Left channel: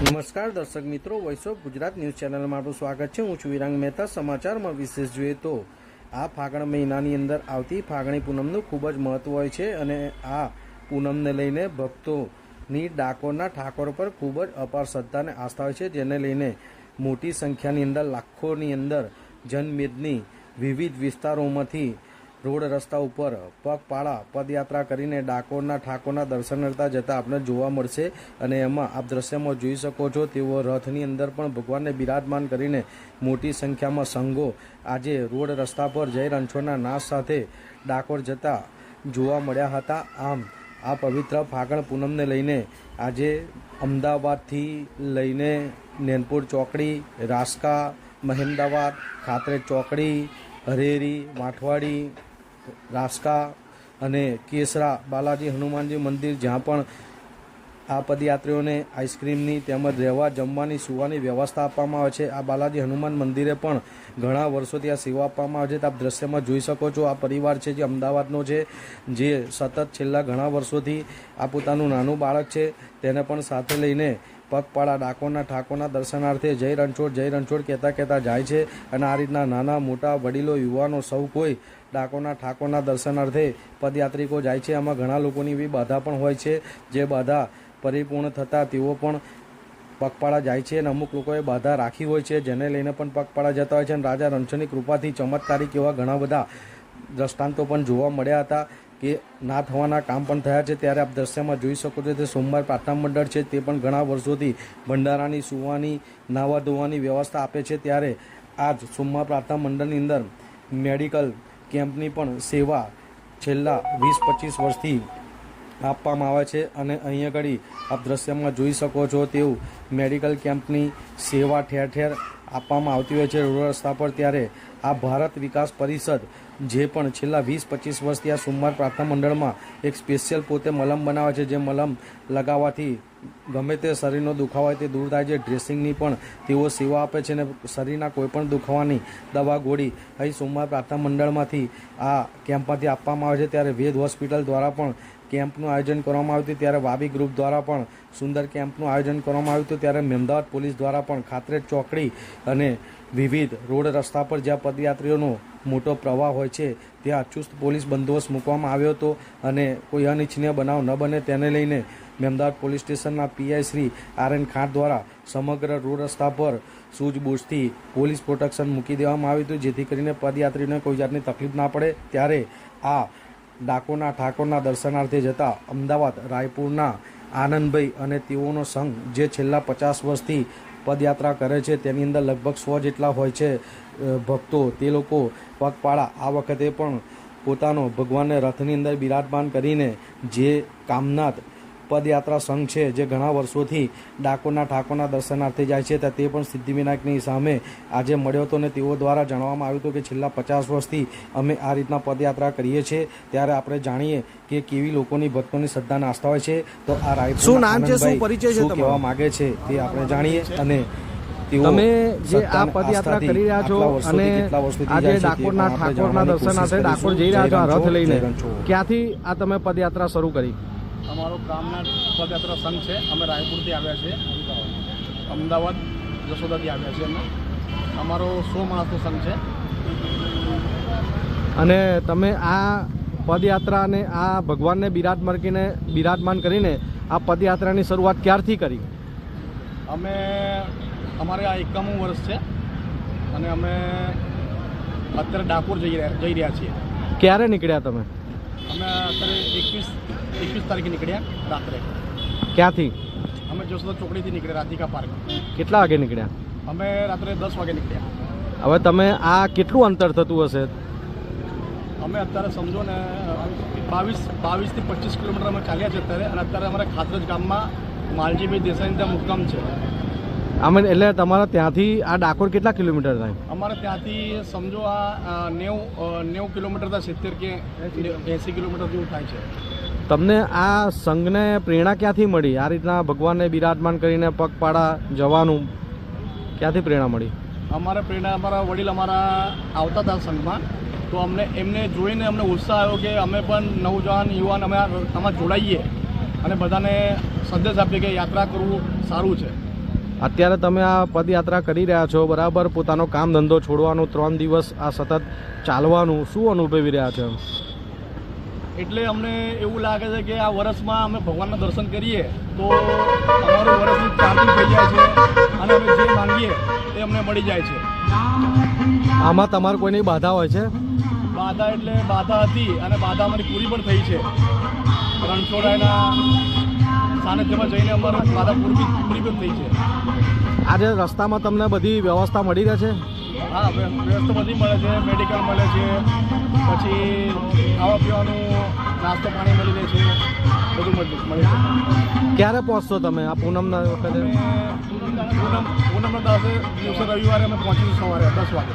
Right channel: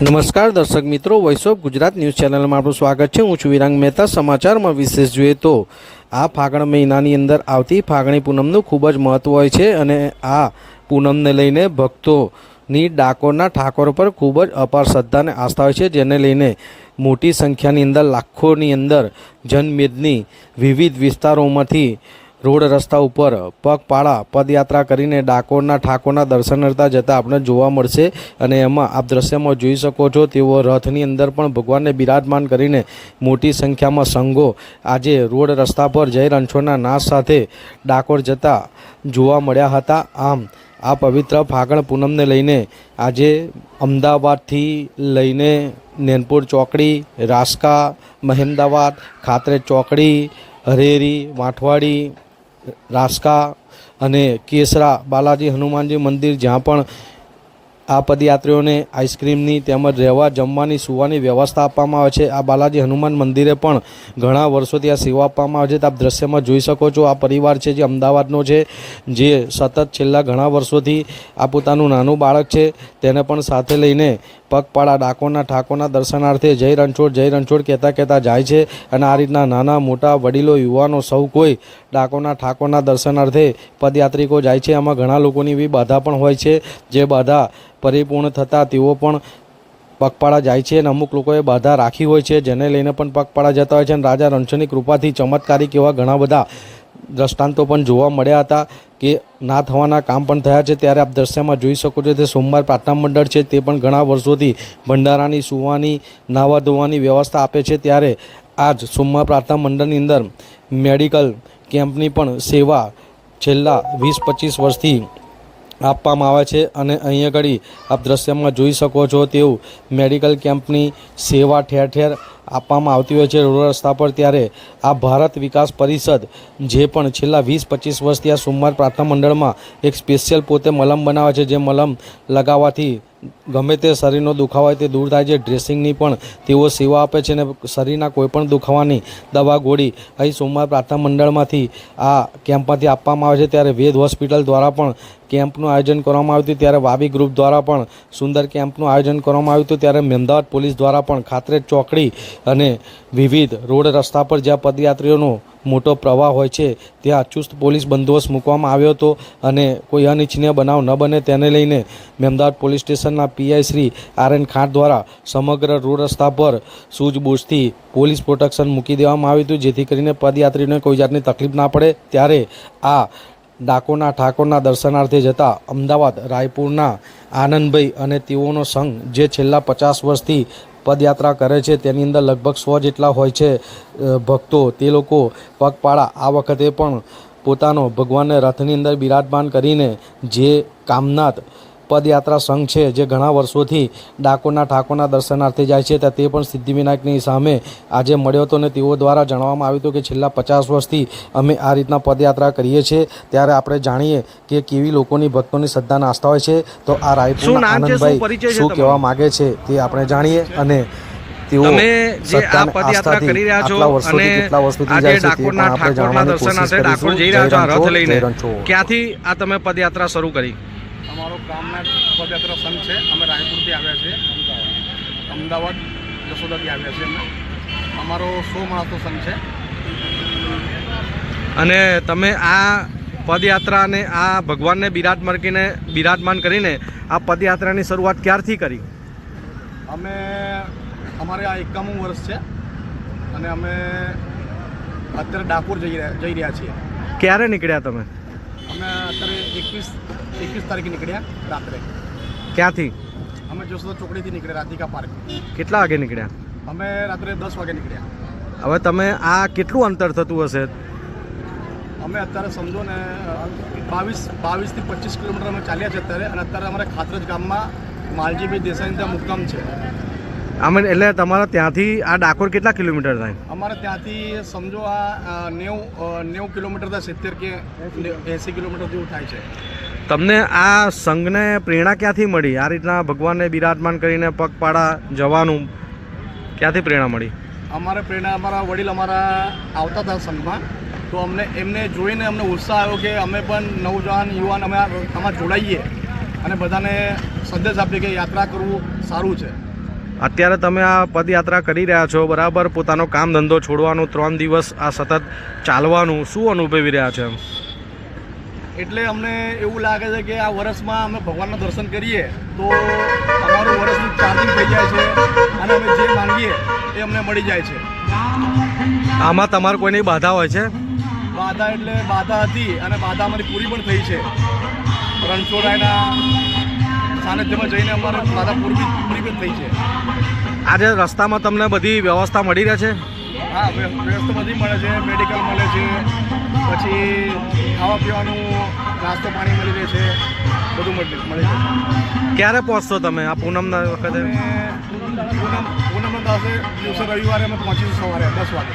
નમસ્કાર દર્શક મિત્રો, વોઇસ ઓફ ગુજરાત ન્યૂઝ ચેનલમાં આપનું સ્વાગત છે। હું છું વિરાંગ મહેતા। સમાચારમાં વિશેષ જોઈએ તો આ ફાગણ મહિનાની અંદર આવતી ફાગણી પૂનમનું ખૂબ જ મહત્ત્વ હોય છે અને આ પૂનમને લઈને ભક્તોની ડાકોરના ઠાકોર પર ખૂબ જ અપાર શ્રદ્ધા અને આસ્થા હોય છે, જેને લઈને મોટી સંખ્યાની અંદર લાખોની અંદર જનમેદની વિવિધ વિસ્તારોમાંથી રોડ રસ્તા ઉપર પગપાળા પદયાત્રા કરીને ડાકોરના ઠાકોરના દર્શન કરતા જતા આપણે જોવા મળશે। અને એમાં આપ દ્રશ્યમાં જોઈ શકો છો તેઓ રથની અંદર પણ ભગવાનને બિરાજમાન કરીને મોટી સંખ્યામાં સંઘો આજે રોડ રસ્તા પર જય રણછોડના નાદ સાથે ડાકોર જતા જોવા મળ્યા હતા। આમ આ પવિત્ર ફાગણ પૂનમને લઈને આજે અમદાવાદથી લઈને નેનપુર ચોકડી, રાસકા, મહેમદાવાદ, ખાતરેજ ચોકડી, હરેરી, વાંઠવાડી, રાસકા અને કેસરા બાલાજી હનુમાનજી મંદિર, જ્યાં પણ આ પદયાત્રીઓને આઈસ્ક્રીમની તેમજ રહેવા જમવાની સુવાની વ્યવસ્થા આપવામાં આવે છે। આ બાલાજી હનુમાન મંદિરે પણ ઘણા વર્ષોથી આ સેવા આપવામાં આવે છે। આપ દ્રશ્યમાં જોઈ શકો છો આ પરિવાર છે જે અમદાવાદનો છે, જે સતત છેલ્લા ઘણા વર્ષોથી આ પોતાનું નાનું બાળક છે તેને પણ સાથે લઈને પગપાળા ડાકોરના ઠાકોરના દર્શનાર્થે જય રણછોડ કહેતા જાય છે। અને આ રીતના નાના મોટા વડીલો યુવાનો સૌ કોઈ ડાકોરના ઠાકોરના દર્શનાર્થે પદયાત્રિકો જાય છે। આમાં ઘણા લોકોની એવી બાધા પણ હોય છે, જે બાધા પરિપૂર્ણ થતાં તેઓ પણ પગપાળા જાય છે અને અમુક લોકોએ બાધા રાખી હોય છે, જેને લઈને પણ પગપાળા જતા હોય છે। અને રાજા રણછોડની કૃપાથી ચમત્કારિક એવા ઘણા બધા દ્રષ્ટાંતો પણ જોવા મળ્યા હતા કે ના થવાના કામ પણ થયા છે। ત્યારે આપ દ્રશ્યમાં જોઈ શકો છો તે સોમવાર પ્રાર્થના મંડળ છે, તે પણ ઘણા વર્ષોથી ભંડારાની સુવાની નાવા ધોવાની વ્યવસ્થા આપે છે। ત્યારે આજ સોમવાર પ્રાર્થના મંડળની અંદર મેડિકલ કેમ્પની પણ સેવા છેલ્લા 20-25 વર્ષથી આપવામાં આવે છે। અને અહીંયા આગળ આપ દ્રશ્યમાં જોઈ શકો છો તેવું મેડિકલ કેમ્પની સેવા ઠેર ઠેર આપવામાં આવતી હોય છે રોડ રસ્તા પર। ત્યારે આ ભારત વિકાસ પરિષદ જે પણ છેલ્લા 20-25 વર્ષથી આ સોમવાર પ્રાર્થના મંડળમાં એક સ્પેશિયલ પોતે મલમ બનાવે છે, જે મલમ લગાવવાથી ગમે તે શરીરનો દુખાવો હોય તે દૂર થાય છે। ડ્રેસિંગની પણ તેઓ સેવા આપે છે અને શરીરના કોઈપણ દુખાવાની દવા ગોળી અહીં સોમવાર પ્રાર્થના મંડળમાંથી આ કેમ્પમાંથી આપવામાં આવે છે। ત્યારે વેદ હોસ્પિટલ દ્વારા પણ કેમ્પનું આયોજન કરવામાં આવ્યું હતું। ત્યારે વાબી ગ્રુપ દ્વારા પણ સુંદર કેમ્પનું આયોજન કરવામાં આવ્યું હતું। ત્યારે અમદાવાદ પોલીસ દ્વારા પણ ખાતરેજ ચોકડી અને વિવિધ રોડ રસ્તા પર જ્યાં પદયાત્રીઓનો મોટો પ્રવાહ હોય છે ત્યાં ચુસ્ત પોલીસ બંદોબસ્ત મૂકવામાં આવ્યો હતો અને કોઈ અનિચ્છનીય બનાવ ન બને તેને લઈને અમદાવાદ પોલીસ સ્ટેશનના પીઆઈ શ્રી આર.એન. ખાંટ દ્વારા સમગ્ર રોડ રસ્તા પર સૂઝબૂછથી પોલીસ પ્રોટેક્શન મૂકી દેવામાં આવ્યું હતું, જેથી કરીને પદયાત્રીઓને કોઈ જાતની તકલીફ ના પડે। ત્યારે આ ડાકોરના ઠાકોરના દર્શનાર્થે જતા અમદાવાદ રાયપુરના આનંદભાઈ અને તેઓનો સંઘ જે છેલ્લા 50 વર્ષથી પદયાત્રા કરે છે, તેની અંદર લગભગ 100 જેટલા હોય છે ભક્તો। તે લોકો પગપાળા આ વખતે પણ પોતાનો ભગવાનને રથની અંદર બિરાજમાન કરીને જે કામનાથ પદયાત્રા સંઘ છે, જે ઘણા વર્ષોથી ડાકોરના ઠાકોરના દર્શનાર્થે જાય છે, તે પણ સિદ્ધિવિનાયકની સામે આજે મળ્યો હતો અને તેઓ દ્વારા જણાવવામાં આવ્યું હતું કે છેલ્લા 50 વર્ષથી અમે આ રીતના પદયાત્રા કરીએ છીએ। ત્યારે આપણે જાણીએ કે કેવી લોકોની ભક્તોની શ્રદ્ધાના આસ્થા હોય છે। તો આ રાયપુરના આનંદભાઈ શું કહેવા માગે છે તે આપણે જાણીએ। અને તમે જે આ પદયાત્રા કરી રહ્યા છો અને આજે ડાકોરના ઠાકોરના દર્શનાર્થે ડાકોર જઈ રહ્યા છો આ રથ લઈને, ક્યાંથી આ તમે પદયાત્રા શરૂ કરી? અમારો કામના પદયાત્રા સંઘ છે, અમે રાયપુરથી આવ્યા છીએ, અમદાવાદ જશોદાથી આવ્યા છીએ અમે। અમારો 100 માણસનો સંઘ છે। અને તમે આ પદયાત્રાને આ ભગવાનને બિરાજમાન કરીને આ પદયાત્રાની શરૂઆત ક્યારથી કરી? અમારે આ 51મું વર્ષ છે અને અમે અત્યારે ડાકોર જઈ રહ્યા છીએ। ક્યારે નીકળ્યા તમે? અમે અત્યારે 21 તારીખે નીકળ્યા રાત્રે। ક્યાંથી? અમે જશોદા ચોકડીથી નીકળ્યા, રાધિકા પાર્ક। કેટલા વાગે નીકળ્યા? અમે રાત્રે 10 વાગે નીકળ્યા। હવે તમે આ કેટલું અંતર થતું હશે? અમે અત્યારે સમજો ને 22 થી 25 કિલોમીટર અમે ચાલ્યા છે અત્યારે। અને અત્યારે અમારે ખાતરેજ ગામમાં માલજીભાઈ દેસાઈ ત્યાં મુકામ છે। એટલે તમારા ત્યાંથી આ ડાકોર કેટલા કિલોમીટર થાય? અમારે ત્યાંથી સમજો આ 90 કિલોમીટર થાય, 70 કે 80 કિલોમીટર જેવું થાય છે। તમને આ સંઘને પ્રેરણા ક્યાંથી મળી? આ રીતના ભગવાનને બિરાજમાન કરીને પગપાળા જવાનું ક્યાંથી પ્રેરણા મળી? અમારે પ્રેરણા અમારા વડીલ આવતા હતા સંઘમાં, તો એમને જોઈને અમને ઉત્સાહ આવ્યો કે અમે પણ નવજવાન યુવાન અમે આમાં જોડાઈએ અને બધાને સંદેશ આપીએ કે યાત્રા કરવું સારું છે। અત્યારે તમે આ પદયાત્રા કરી રહ્યા છો, બરાબર, પોતાનો કામ ધંધો છોડવાનું, 3 દિવસ આ સતત ચાલવાનું, શું અનુભવી રહ્યા છે? એટલે અમને એવું લાગે છે કે આ વર્ષમાં અમે ભગવાનના દર્શન કરીએ તો અમારું વર્ષનું ચાર્જિંગ થઈ જાય છે અને અમે જે માંગીએ એ અમને મળી જાય છે. આમાં તમારે કોઈની બાધા હોય છે? બાધા એટલે બાધા હતી અને બાધા અમારી પૂરી પણ થઈ છે. રણછોડરાયના સાનિધ્યમાં જઈને અમારે બાધા પૂરી પણ થઈ છે. આજે રસ્તામાં તમને બધી વ્યવસ્થા મળી રહે છે? હા, વ્યવસ્થા બધી મળે છે. મેડિકલ મળે છે, પછી ખાવા પીવાનું નાસ્તો પાણી મળી રહે છે, બધું મળે છે. ક્યારે પહોંચશો તમે આ પૂનમના વખતે? પૂનમના દિવસે રવિવારે અમે પહોંચીશું સવારે 10 વાગે.